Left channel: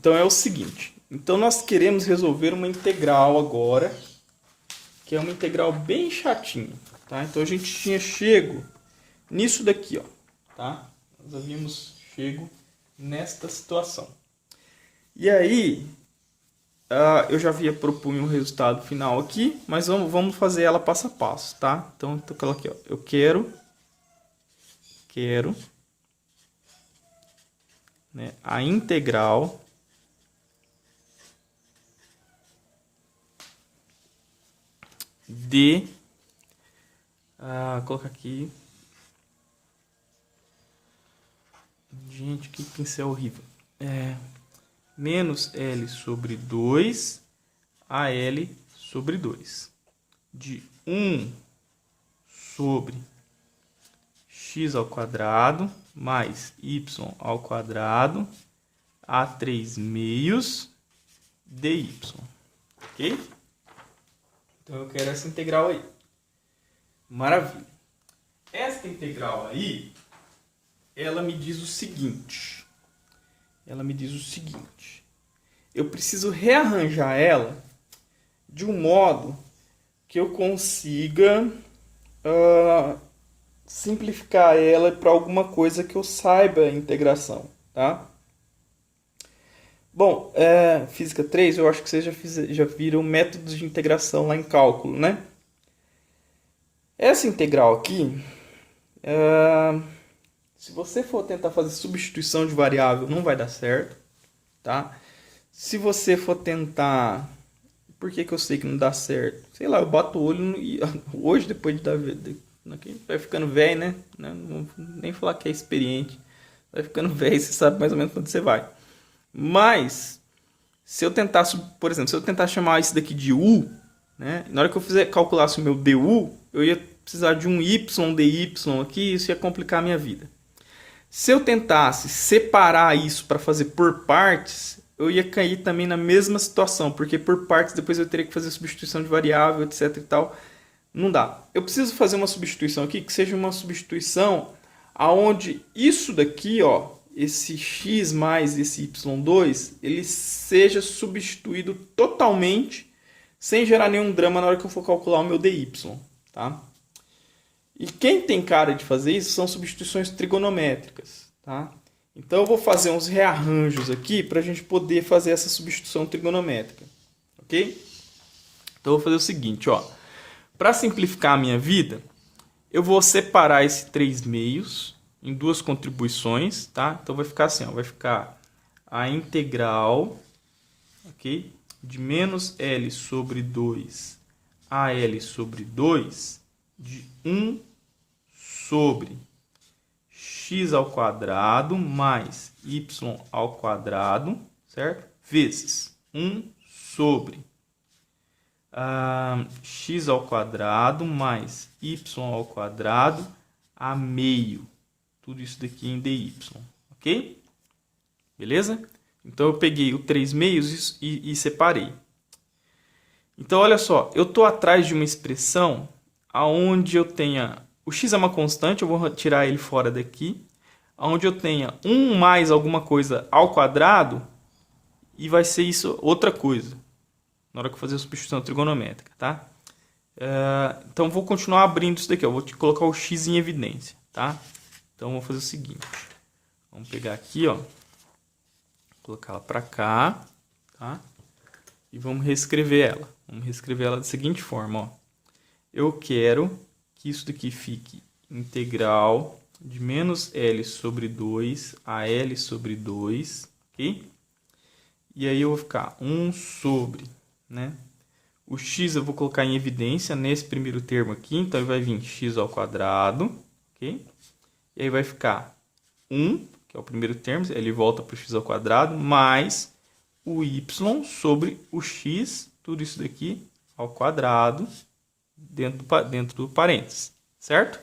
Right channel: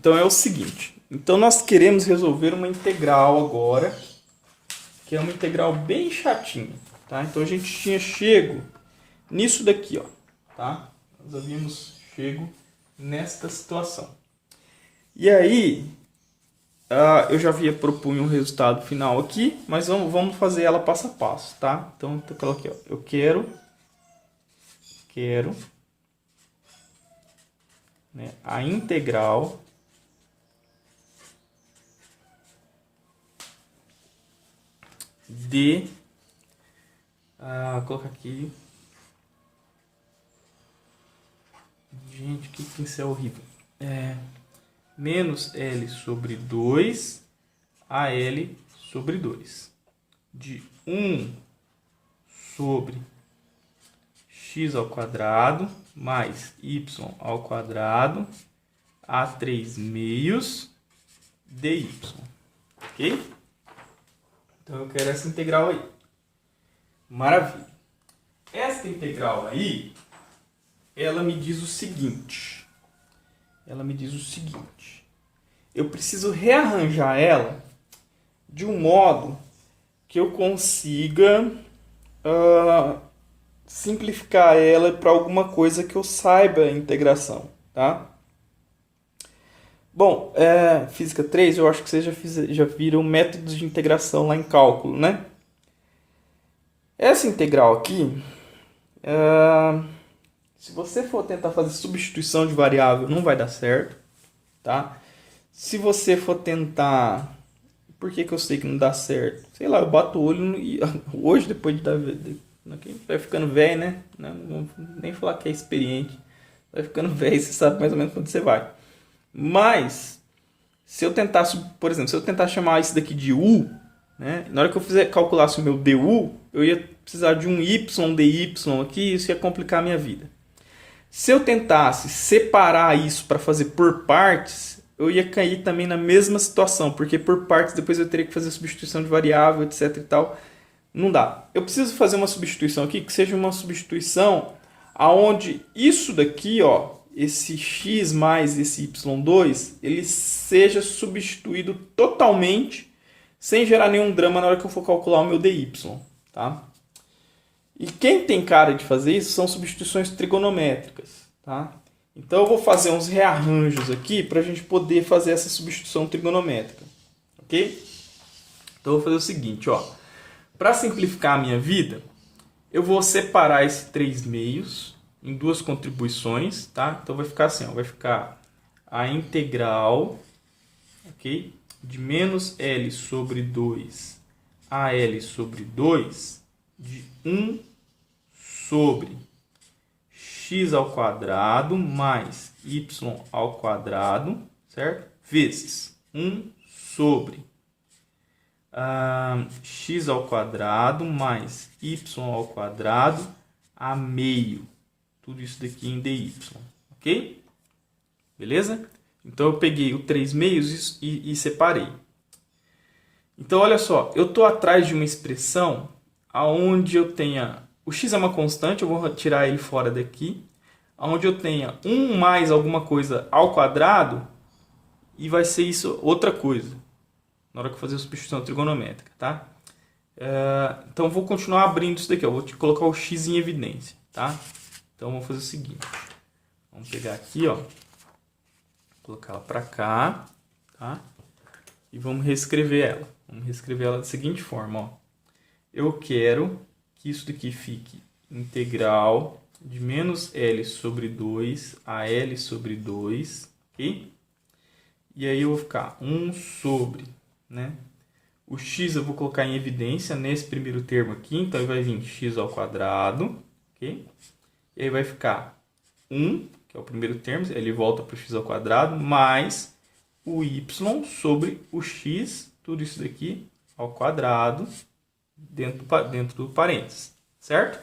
Então é o seguinte. Então nós queremos resolver uma integral agora, que é uma integral bem chatinha, tá? Então a gente tinha chego nisso daqui, ó, tá? Nós havíamos chego nesta situação. E aí, eu já havia propunho um resultado final aqui, mas vamos fazer ela passo a passo, tá? Então eu coloquei, ó, eu quero, né, a integral de, vou colocar aqui, gente, que pincel horrível, menos L sobre 2 a L sobre 2, de 1 sobre x ao quadrado mais y ao quadrado a 3 meios dy, ok? Então eu quero essa integral aí. Maravilha. Essa integral aí, ela me diz o seguinte. Eu preciso rearranjar ela de um modo que eu consiga simplificar ela para alguma coisa que eu saiba a integração, tá? Bom, Física 3, eu acho que vocês já viram métodos de integração lá em cálculo, né? Essa integral aqui, se você for tentar fazer substituição de variável, não vai dar certo, tá? Se você for tentar... Por que eu sei que não dá certo? Sei lá, eu bato o olho e hoje, depois de dar... Vai ficando velho, né? Não vou nem falar que é experiente. Vai ficando velho, você sabe mais ou menos quando você vai. Mas, se eu tentar, por exemplo, se eu tentar chamar isso daqui de U, né? Na hora que eu calculasse o meu DU, eu ia precisar de um Y dy aqui, isso ia complicar a minha vida. Se eu tentasse separar isso para fazer por partes, eu ia cair também na mesma situação, porque por partes depois eu teria que fazer substituição de variável, etc e tal. Não dá. Eu preciso fazer uma substituição aqui que seja uma substituição aonde isso daqui, ó, esse x mais esse y2, ele seja substituído totalmente, sem gerar nenhum drama na hora que eu for calcular o meu dy, tá? E quem tem cara de fazer isso são substituições trigonométricas, tá? Então eu vou fazer uns rearranjos aqui para a gente poder fazer essa substituição trigonométrica, ok? Então eu vou fazer o seguinte, ó. Para simplificar a minha vida, eu vou separar esse 3 meios em duas contribuições, tá? Então vai ficar assim, ó, vai ficar a integral, ok? De menos L sobre 2 a L sobre 2 de 1 sobre x ao quadrado mais y ao quadrado, certo? Vezes 1 sobre x ao quadrado mais y ao quadrado a meio. Tudo isso daqui em dy, ok? Beleza? Então eu peguei o 3 meios e separei. Então olha só, eu estou atrás de uma expressão onde eu tenha... O x é uma constante, eu vou tirar ele fora daqui. Onde eu tenha 1 mais alguma coisa ao quadrado e vai ser isso outra coisa. Na hora que eu fazer a substituição trigonométrica, tá? Então eu vou continuar abrindo isso daqui, ó. Vou colocar o x em evidência, tá? Então vou fazer o seguinte. Vamos pegar aqui, ó. Colocar ela para cá, tá? E vamos reescrever ela. Vamos reescrever ela da seguinte forma, ó. Eu quero que isso daqui fique integral de menos L sobre 2 a L sobre 2, ok? E aí eu vou ficar 1 sobre, né? O x eu vou colocar em evidência nesse primeiro termo aqui, então ele vai vir x ao quadrado, ok? E aí vai ficar 1, que é o primeiro termo, ele volta para o x ao quadrado, mais o y sobre o x, tudo isso daqui ao quadrado, dentro do parênteses, certo?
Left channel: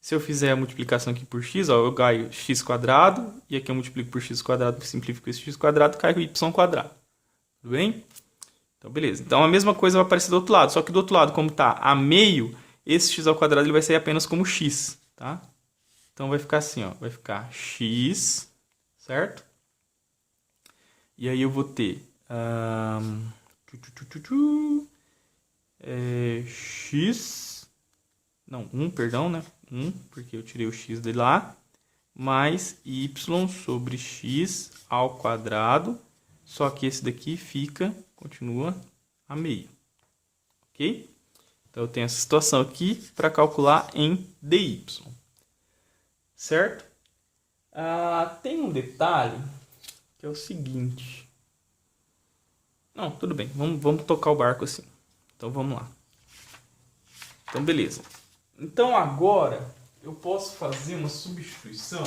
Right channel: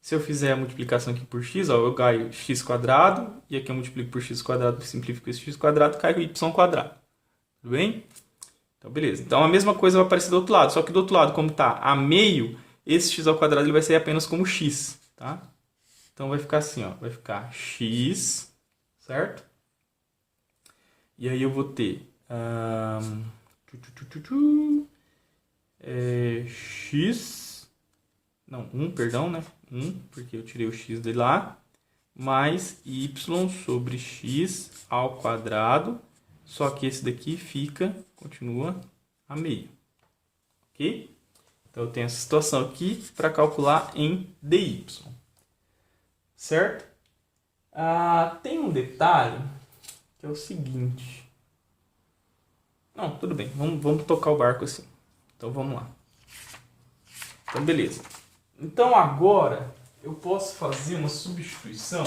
Se eu fizer a multiplicação aqui por x, ó, eu ganho x quadrado, e aqui eu multiplico por x quadrado, simplifico esse x quadrado, cai o y quadrado. Tudo bem? Então, beleza. Então, a mesma coisa vai aparecer do outro lado, só que do outro lado, como está a meio, esse x ao quadrado ele vai sair apenas como x, tá? Então, vai ficar assim, ó, vai ficar x, certo? E aí eu vou ter x, não, 1, perdão, né? 1, porque eu tirei o x de lá, mais y sobre x ao quadrado, só que esse daqui continua a meio, ok? Então eu tenho essa situação aqui para calcular em dy, certo? Tem um detalhe que é o seguinte. Não, tudo bem, vamos tocar o barco assim. Então vamos lá. Então beleza. Então agora eu posso fazer uma substituição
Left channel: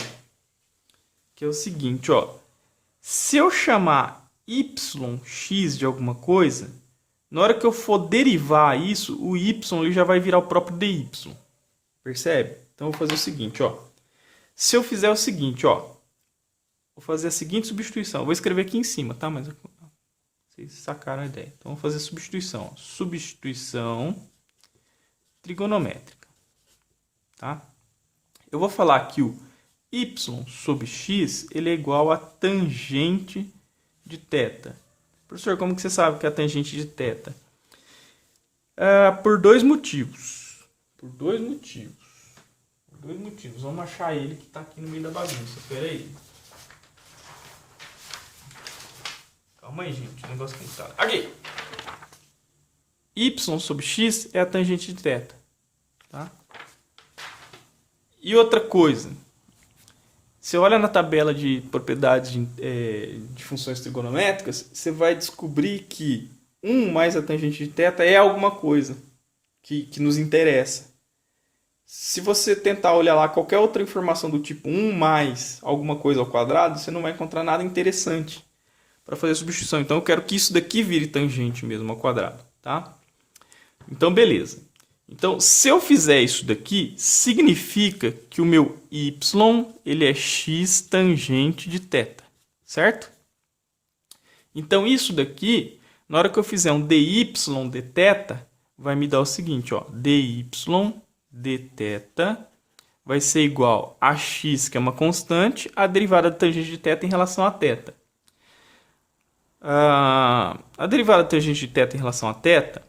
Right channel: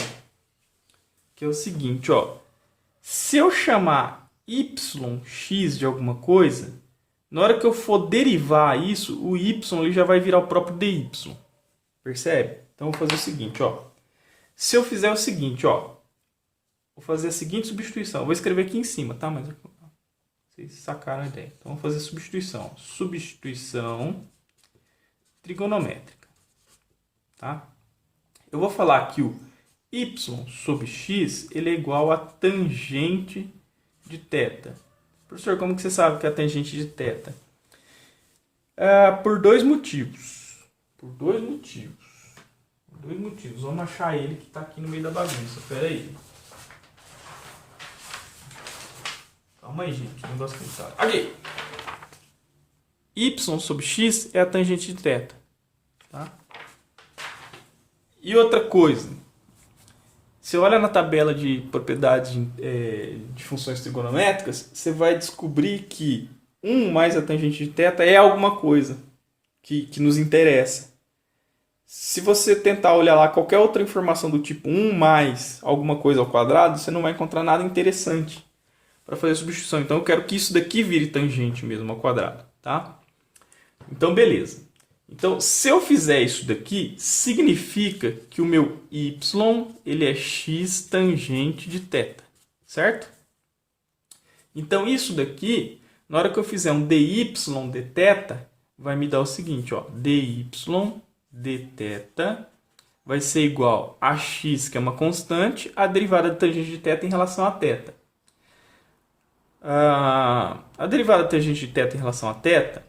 que é o seguinte, ó. Se eu chamar yx de alguma coisa, na hora que eu for derivar isso, o y ele já vai virar o próprio dy. Percebe? Então eu vou fazer o seguinte, ó. Se eu fizer o seguinte, ó. Vou fazer a seguinte substituição. Eu vou escrever aqui em cima, tá? Mas vocês sacaram a ideia. Então vou fazer a substituição. Substituição trigonométrica. Tá? Eu vou falar que o y sobre x ele é igual a tangente de θ. Professor, como que você sabe que é a tangente de θ? Por dois motivos. Por dois motivos. Vamos achar ele que está aqui no meio da bagunça. Espera aí. Calma aí, gente. O negócio complicado. Aqui. Y sobre x é a tangente de θ. Tá? E outra coisa. Você olha na tabela de propriedades de funções trigonométricas, você vai descobrir que 1 mais a tangente de θ é alguma coisa que nos interessa. Se você tentar olhar lá qualquer outra informação do tipo 1 mais alguma coisa ao quadrado, você não vai encontrar nada interessante para fazer a substituição. Então eu quero que isso daqui vire tangente mesmo ao quadrado, tá? Então beleza. Então se eu fizer isso daqui, significa que o meu y ele é x tangente de θ, certo? Então isso daqui, na hora que eu fizer um dy de θ, vai me dar o seguinte, ó, dy dθ vai ser igual a x, que é uma constante, a derivada da tangente de θ em relação a θ. A derivada da tangente de θ em relação a θ,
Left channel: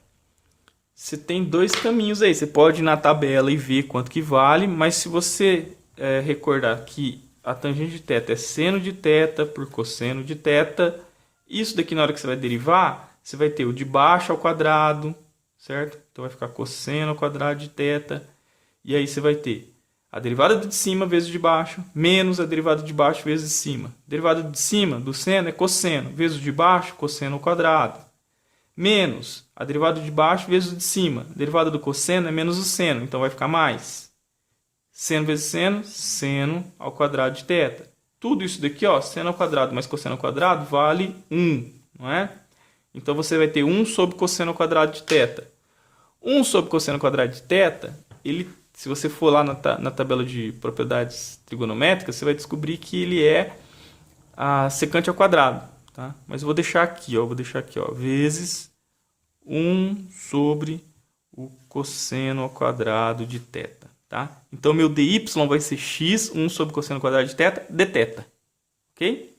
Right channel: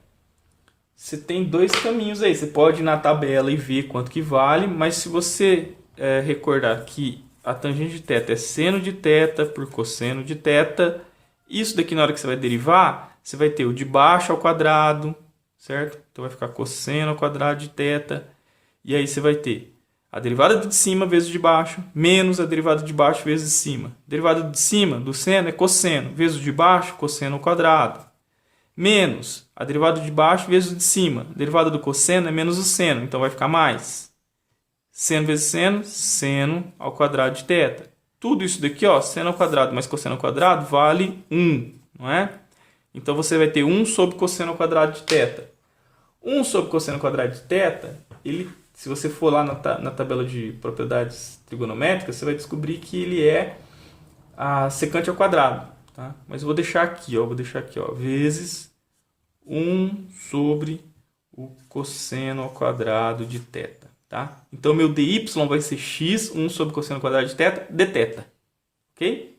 você tem dois caminhos aí. Você pode ir na tabela e ver quanto que vale, mas se você recordar que a tangente de θ é seno de θ por cosseno de θ, isso daqui na hora que você vai derivar, você vai ter o de baixo ao quadrado, certo? Então vai ficar cosseno ao quadrado de θ. E aí você vai ter a derivada de cima vezes de baixo, menos a derivada de baixo vezes de cima. A derivada de cima do seno é cosseno, vezes de baixo, cosseno ao quadrado. Menos a derivada de baixo vezes de cima. A derivada do cosseno é menos o seno, então vai ficar mais. Seno vezes seno, seno ao quadrado de θ. Tudo isso daqui, ó, seno ao quadrado mais cosseno ao quadrado, vale 1, não é? Então você vai ter 1 sobre cosseno ao quadrado de θ. 1 sobre cosseno ao quadrado de θ, ele... Se você for lá na tabela de propriedades trigonométricas, você vai descobrir que ele é a secante ao quadrado. Tá? Mas eu vou deixar aqui, ó, vezes 1 sobre o cosseno ao quadrado de θ. Tá? Então, meu dy vai ser x, 1 sobre cosseno ao quadrado de θ, dθ. Ok?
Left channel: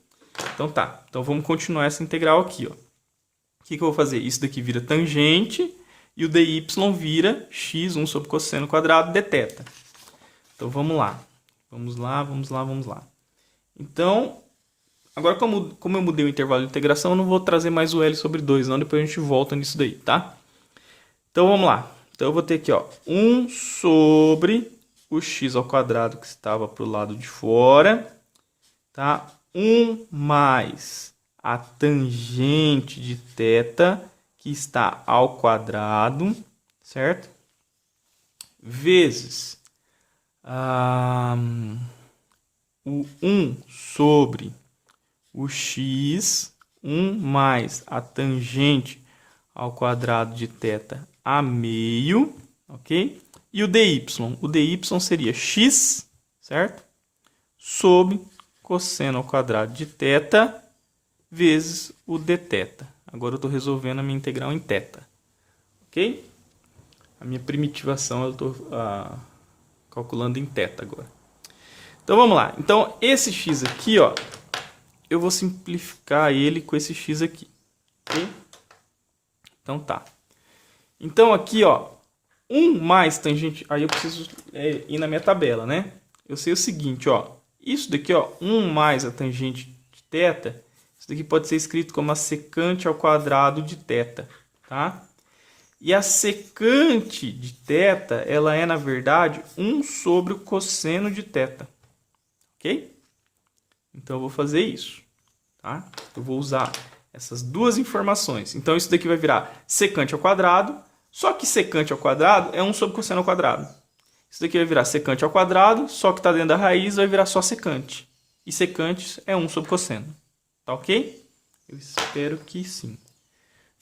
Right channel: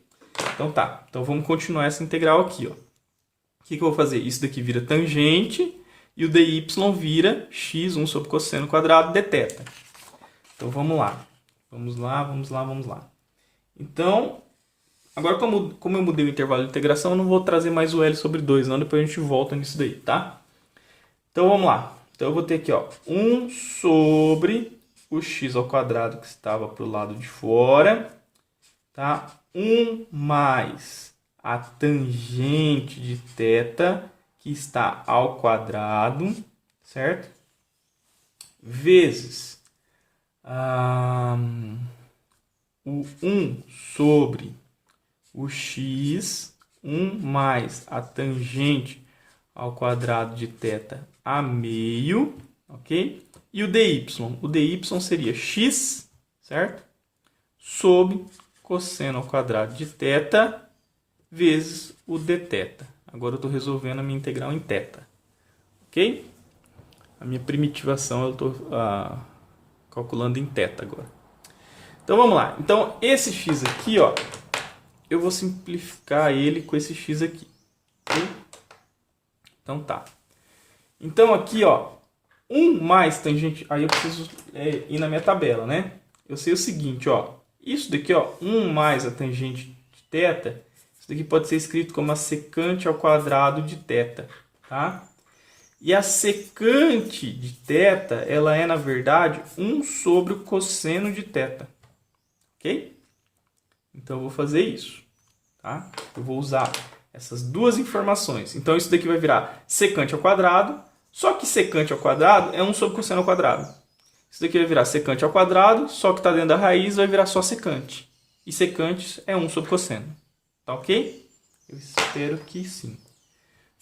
Então, tá. Então, vamos continuar essa integral aqui. Ó. O que eu vou fazer? Isso daqui vira tangente. E o dy vira x, 1 sobre cosseno quadrado dθ. Então, vamos lá. Vamos lá. Então, agora como eu mudei o intervalo de integração, eu não vou trazer mais o L sobre 2, não. Depois a gente volta nisso daí, tá? Então, vamos lá. Então, eu vou ter aqui, ó, 1 sobre o x ao quadrado que estava para o lado de fora. Tá? 1 mais a tangente de θ, que está ao quadrado, certo? Vezes o 1 sobre o x, 1 mais a tangente ao quadrado de θ a meio, ok? E o dy? O dy seria x, certo? Sobre cosseno ao quadrado de θ vezes o dθ. Agora eu estou resolvendo a minha integral em θ. Ok? A minha primitivação eu estou calculando em θ agora. Então vamos lá. Então esse x aqui, ó, eu vou simplificar ele com esse x aqui. Ok? Então tá. Então aqui, ó, 1 mais tangente... Aí eu preciso ir na minha tabela, né? Eu sei o seguinte, ó. Isso daqui, ó, 1 mais a tangente de θ, isso daqui pode ser escrito como a secante ao quadrado de θ, tá? E a secante de θ, ela é, na verdade, 1 sobre o cosseno de θ. Ok? Então, eu vou fazer isso, tá? Eu vou usar essas duas informações. Então, isso daqui vai virar secante ao quadrado, só que secante ao quadrado é 1 sobre cosseno ao quadrado. Isso daqui vai virar secante ao quadrado, só que está dentro da raiz vai virar só secante. E secante é 1 sobre cosseno. Tá ok? Eu espero que sim.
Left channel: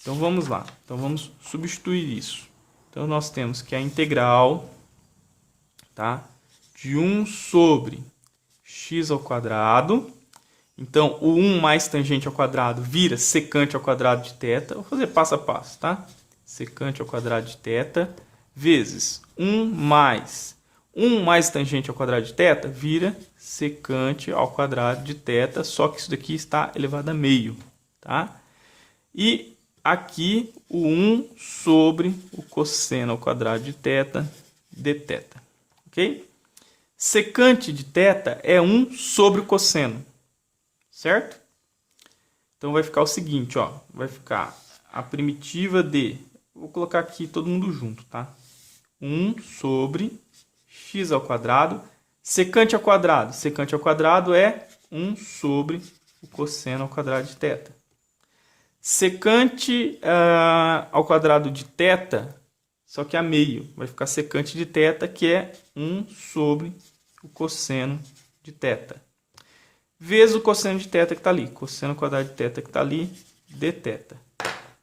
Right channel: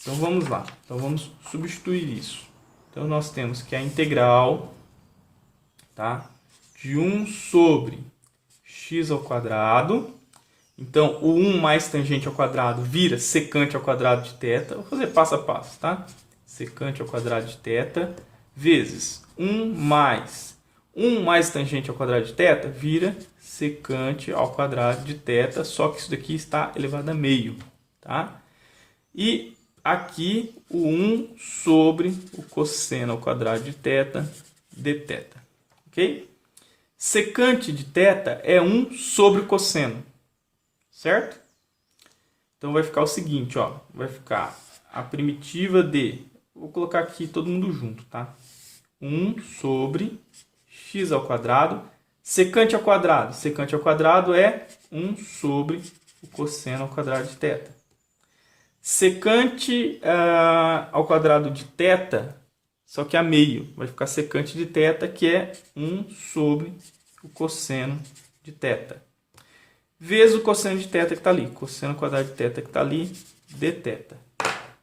Então vamos lá. Então vamos substituir isso. Então nós temos que a integral, tá, de 1 sobre x ao quadrado. Então o 1 mais tangente ao quadrado vira secante ao quadrado de θ. Vou fazer passo a passo, tá? Secante ao quadrado de θ vezes 1 mais tangente ao quadrado de θ vira secante ao quadrado de θ, só que isso daqui está elevado a meio, tá? E aqui o 1 sobre o cosseno ao quadrado de θ dθ, ok? Secante de θ é 1 sobre o cosseno, certo? Então vai ficar o seguinte, ó, vai ficar a primitiva de, vou colocar aqui todo mundo junto, tá? 1 sobre x ao quadrado, secante ao quadrado é 1 sobre o cosseno ao quadrado de θ. Secante ao quadrado de θ, só que a meio, vai ficar secante de θ, que é 1 sobre o cosseno de θ. Vezes o cosseno de θ que está ali, cosseno ao quadrado de θ que está ali, dθ.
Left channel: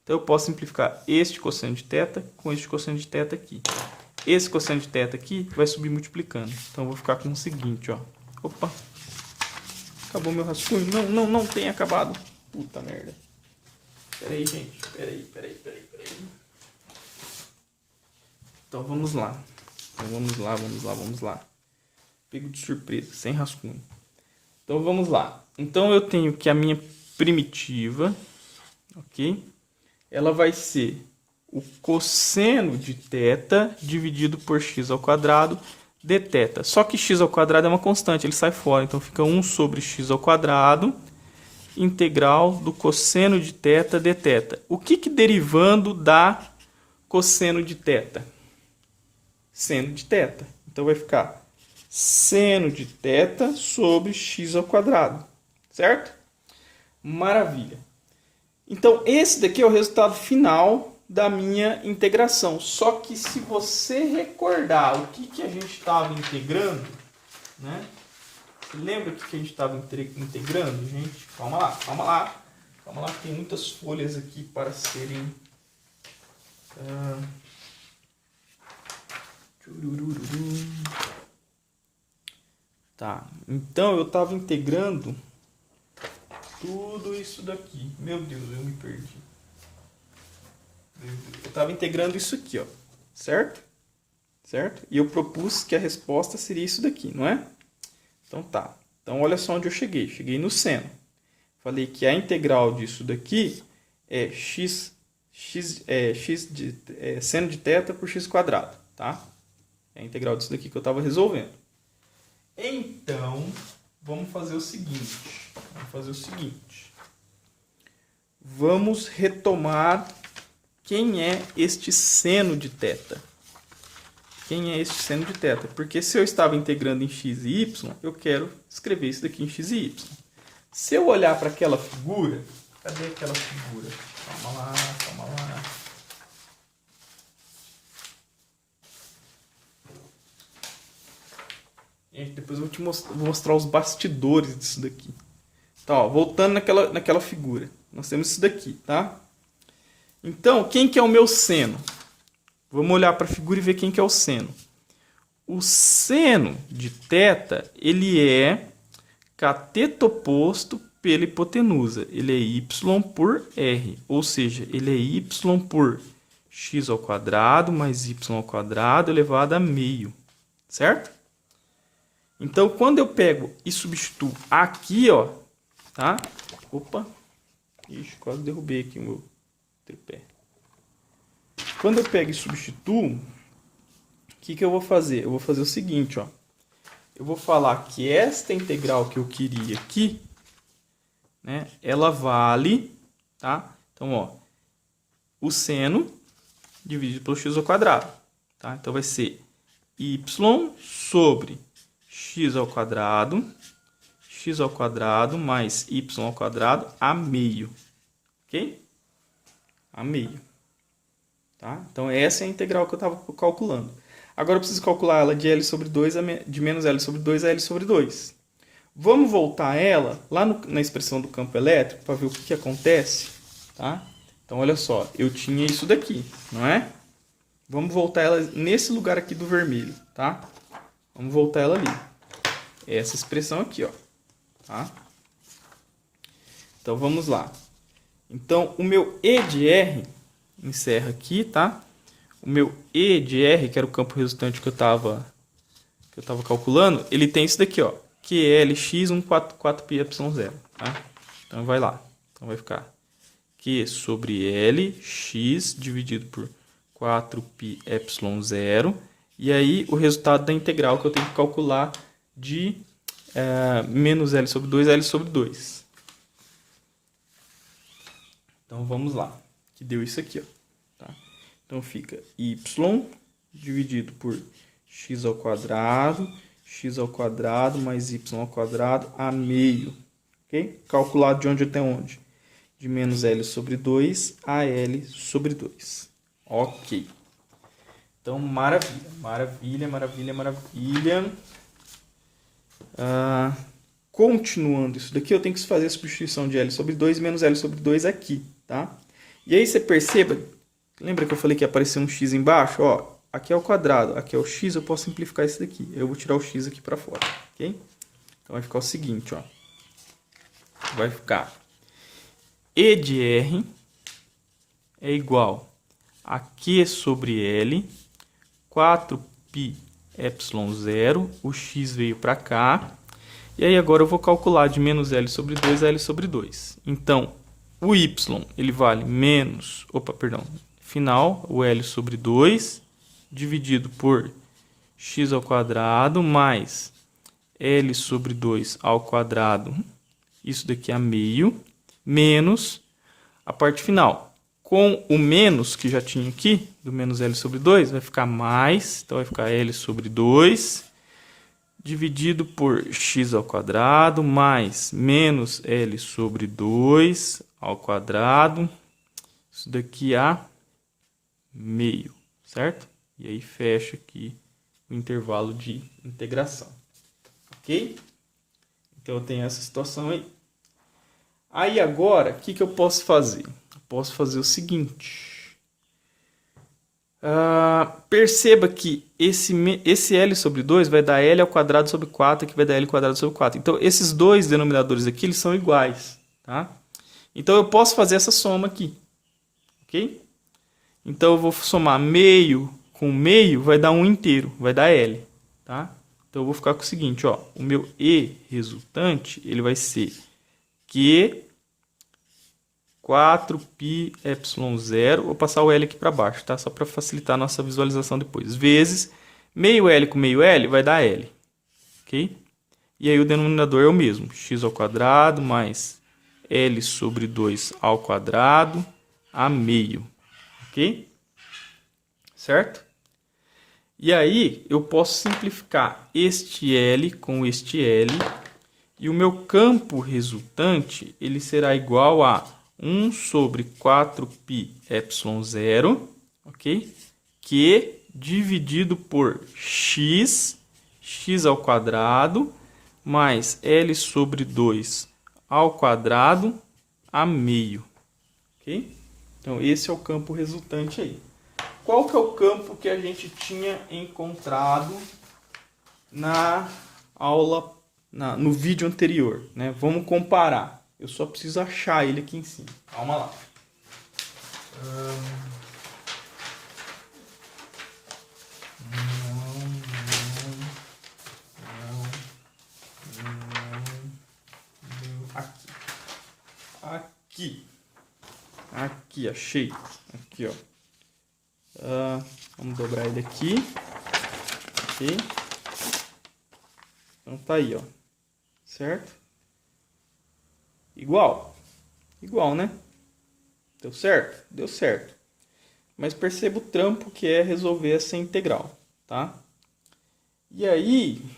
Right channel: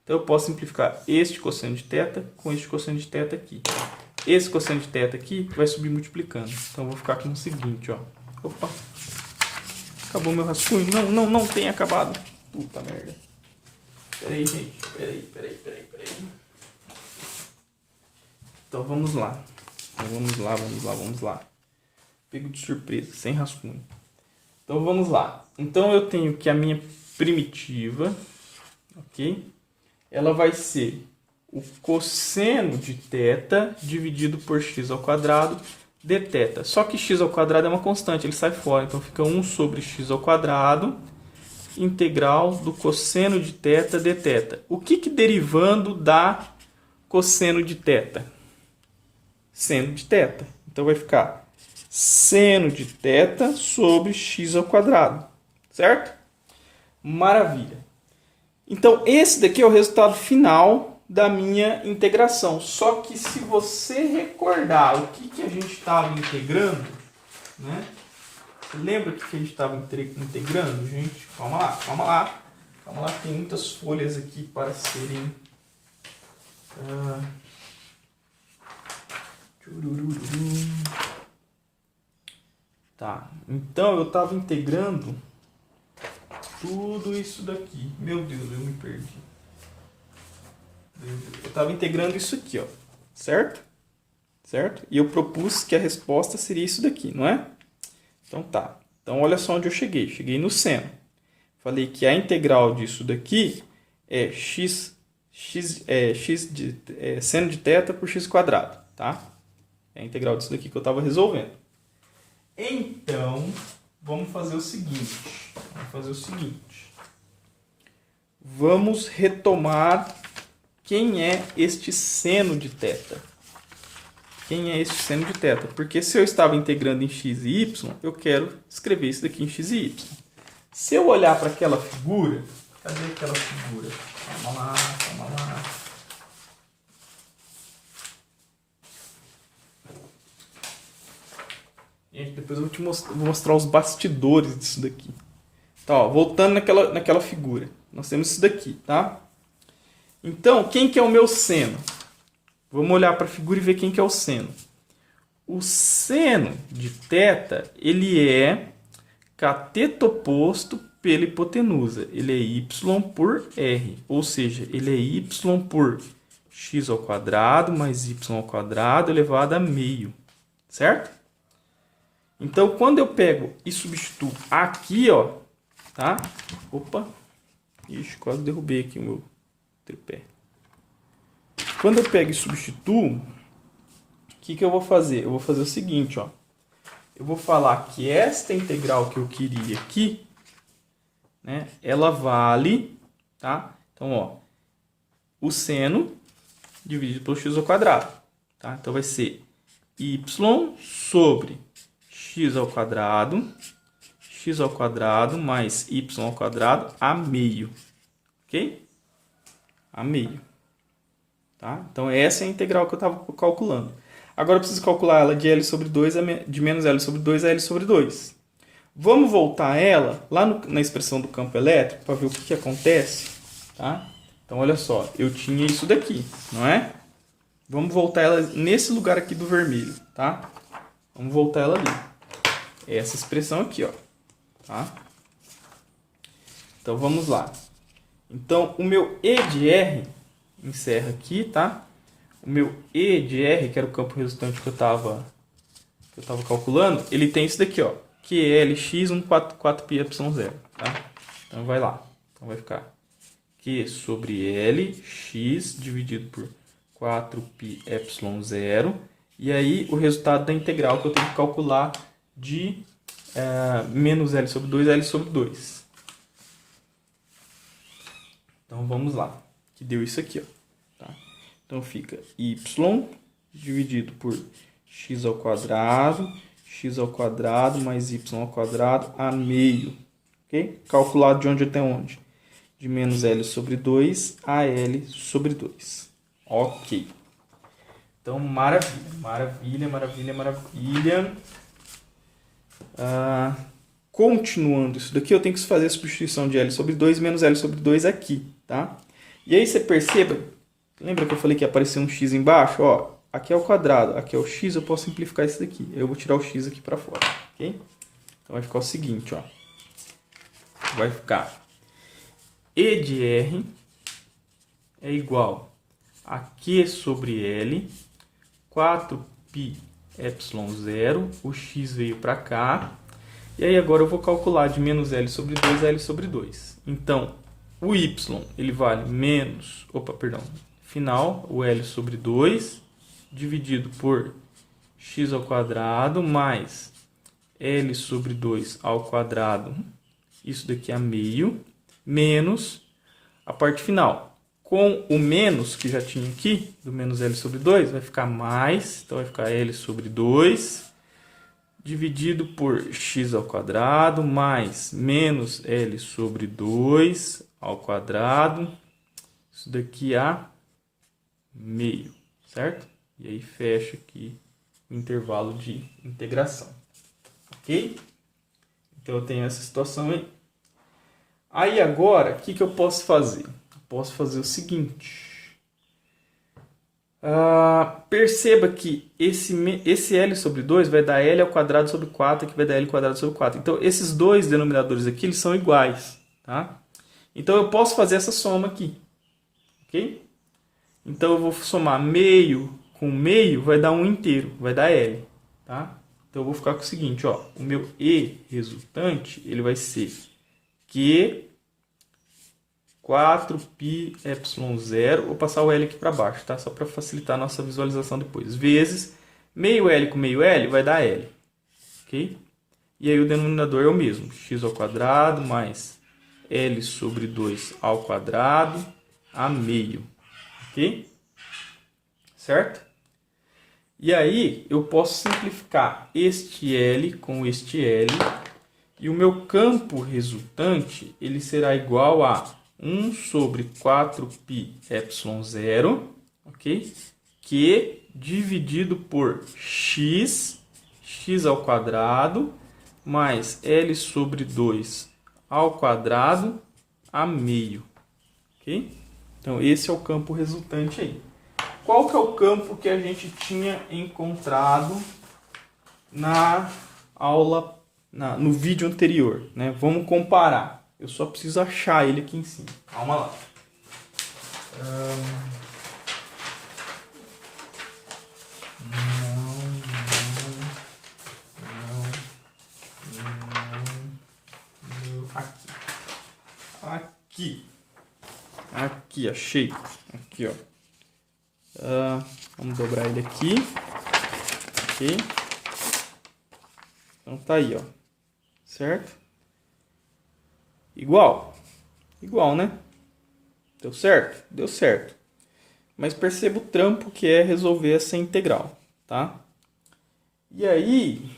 Então eu posso simplificar este cosseno de θ com este cosseno de θ aqui. Esse cosseno de θ aqui vai subir multiplicando. Então eu vou ficar com o seguinte, ó. Opa! Acabou meu rascunho? Não tem acabado. Puta merda. Pera aí, gente. Pera aí. Então vamos lá. Vamos lá. Pego de surpresa, sem rascunho. Então vamos lá. Então eu tenho que a minha primitiva, ok? Ela vai ser o cosseno de θ dividido por x ao quadrado dθ. Só que x ao quadrado é uma constante, ele sai fora. Então fica 1 sobre x ao quadrado integral do cosseno de θ dθ. O que derivando dá cosseno de θ? Seno de θ. Então vai ficar seno de θ sobre x ao quadrado. Certo? Maravilha. Então esse daqui é o resultado final da minha integração. Só que se você recordar o que a gente estava integrando, né? Lembra o que a gente estava integrando, gente? Calma lá, tem muitas folhas aqui para serem... Tá, então eu estava integrando tudo isso daqui. Meu Deus, eu me perdi. Eu estava integrando isso aqui, ó. Certo? E eu propus que a resposta seria isso daqui, não é? Então tá. Então olha só onde eu cheguei. Cheguei no seno. Falei que a integral disso daqui é seno de θ por x quadrado, tá? É a integral disso daqui que eu estava resolvendo. Então, vamos fazer o seguinte. Vamos retomar quem é este seno de θ. Porque se eu estava integrando em x e y, eu quero escrever isso daqui em x e y. Se eu olhar para aquela figura... Cadê aquela figura? Calma lá. Gente, depois eu vou mostrar os bastidores disso daqui. Então, ó, voltando naquela figura. Nós temos isso daqui, tá? Então, quem que é o meu seno? Vamos olhar para a figura e ver quem que é o seno. O seno de θ, ele é cateto oposto pela hipotenusa. Ele é y por r. Ou seja, ele é y por x ao quadrado mais y ao quadrado elevado a meio. Certo? Então, quando eu pego e substituo aqui, ó, tá? Opa! Ixi, quase derrubei aqui o meu tripé. Quando eu pego e substituo, o que eu vou fazer? Eu vou fazer o seguinte, ó. Eu vou falar que esta integral que eu queria aqui, né, ela vale, tá? Então, ó, o seno dividido pelo x ao quadrado, tá? Então vai ser y sobre x ao quadrado mais y ao quadrado a meio, ok? A meio, tá? Então essa é a integral que eu estava calculando. Agora eu preciso calcular ela de L sobre 2 de menos L sobre 2 a L sobre 2. Vamos voltar ela lá na expressão do campo elétrico para ver o que acontece, tá? Então olha só, eu tinha isso daqui, não é? Vamos voltar ela nesse lugar aqui do vermelho, tá? Vamos voltar ela ali. Essa expressão aqui, ó, tá? Então vamos lá. Então o meu E de R encerra aqui, tá? O meu E de R, que era o campo resultante que eu tava calculando, ele tem isso daqui, ó, que é Lx 4πy0, tá? Então vai lá. Então vai ficar Q sobre Lx dividido por 4πy0. E aí o resultado da integral que eu tenho que calcular de menos L sobre 2 a L sobre 2. Então vamos lá. Que deu isso aqui, ó. Tá? Então fica y dividido por x ao quadrado mais y ao quadrado a meio. Ok? Calculado de onde até onde? De menos L sobre 2 a L sobre 2. Ok. Então, maravilha. Continuando isso daqui, eu tenho que fazer a substituição de L sobre 2 menos L sobre 2 aqui, tá? E aí você perceba, lembra que eu falei que ia aparecer um x embaixo? Ó, aqui é o quadrado, aqui é o x, eu posso simplificar isso daqui. Eu vou tirar o x aqui para fora, ok? Então vai ficar o seguinte, ó. Vai ficar E de R é igual a Q sobre L, 4πε0, o x veio para cá. E aí agora eu vou calcular de menos L sobre 2 a L sobre 2. Então, o y, ele vale menos, final, o L sobre 2, dividido por x ao quadrado, mais L sobre 2 ao quadrado, isso daqui a meio, menos a parte final. Com o menos que já tinha aqui, do menos L sobre 2, vai ficar mais, então vai ficar L sobre 2, dividido por x ao quadrado, mais menos L sobre 2 ao quadrado, isso daqui a meio, certo? E aí fecha aqui o intervalo de integração, ok? Então eu tenho essa situação aí. Aí agora, o que eu posso fazer? Eu posso fazer o seguinte. Perceba que esse L sobre 2 vai dar L ao quadrado sobre 4, que vai dar L quadrado sobre 4. Então, esses dois denominadores aqui eles são iguais, tá? Então, eu posso fazer essa soma aqui, ok? Então, eu vou somar meio com meio, vai dar 1 inteiro, vai dar L, tá? Então, eu vou ficar com o seguinte, ó, o meu E resultante, ele vai ser Q 4πε0, vou passar o L aqui para baixo, tá? Só para facilitar a nossa visualização depois. Vezes meio L com meio L vai dar L, ok? E aí o denominador é o mesmo, x ao quadrado mais L sobre 2 ao quadrado a meio, ok? Certo? E aí eu posso simplificar este L com este L e o meu campo resultante ele será igual a 1 sobre 4πε0, ok? Que dividido por x ao quadrado, mais L sobre 2 ao quadrado a meio, ok? Então, esse é o campo resultante aí. Qual que é o campo que a gente tinha encontrado na aula, no vídeo anterior, né? Vamos comparar. Eu só preciso achar ele aqui em cima. Calma lá. Aqui. aqui. Aqui, achei. Aqui, ó. Vamos dobrar ele aqui. Ok. Então tá aí, ó. Certo? Igual. Igual, né? Deu certo? Deu certo. Mas perceba o trampo que é resolver essa integral, tá? E aí,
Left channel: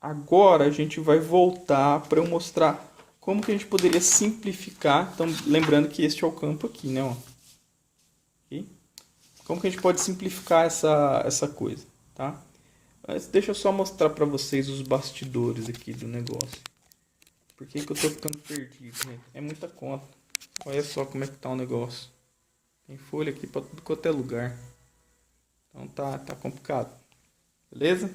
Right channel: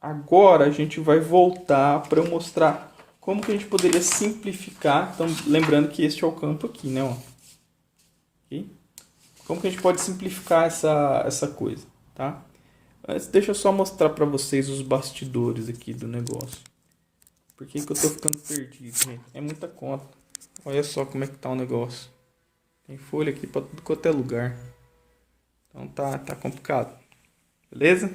agora a gente vai voltar para eu mostrar como que a gente poderia simplificar. Então, lembrando que este é o campo aqui, né? Ó. Okay? Como que a gente pode simplificar essa coisa, tá? Mas deixa eu só mostrar para vocês os bastidores aqui do negócio. Por que que eu tô ficando perdido, gente? É muita conta. Olha só como é que tá o negócio. Tem folha aqui para tudo quanto é lugar. Então tá complicado. Beleza?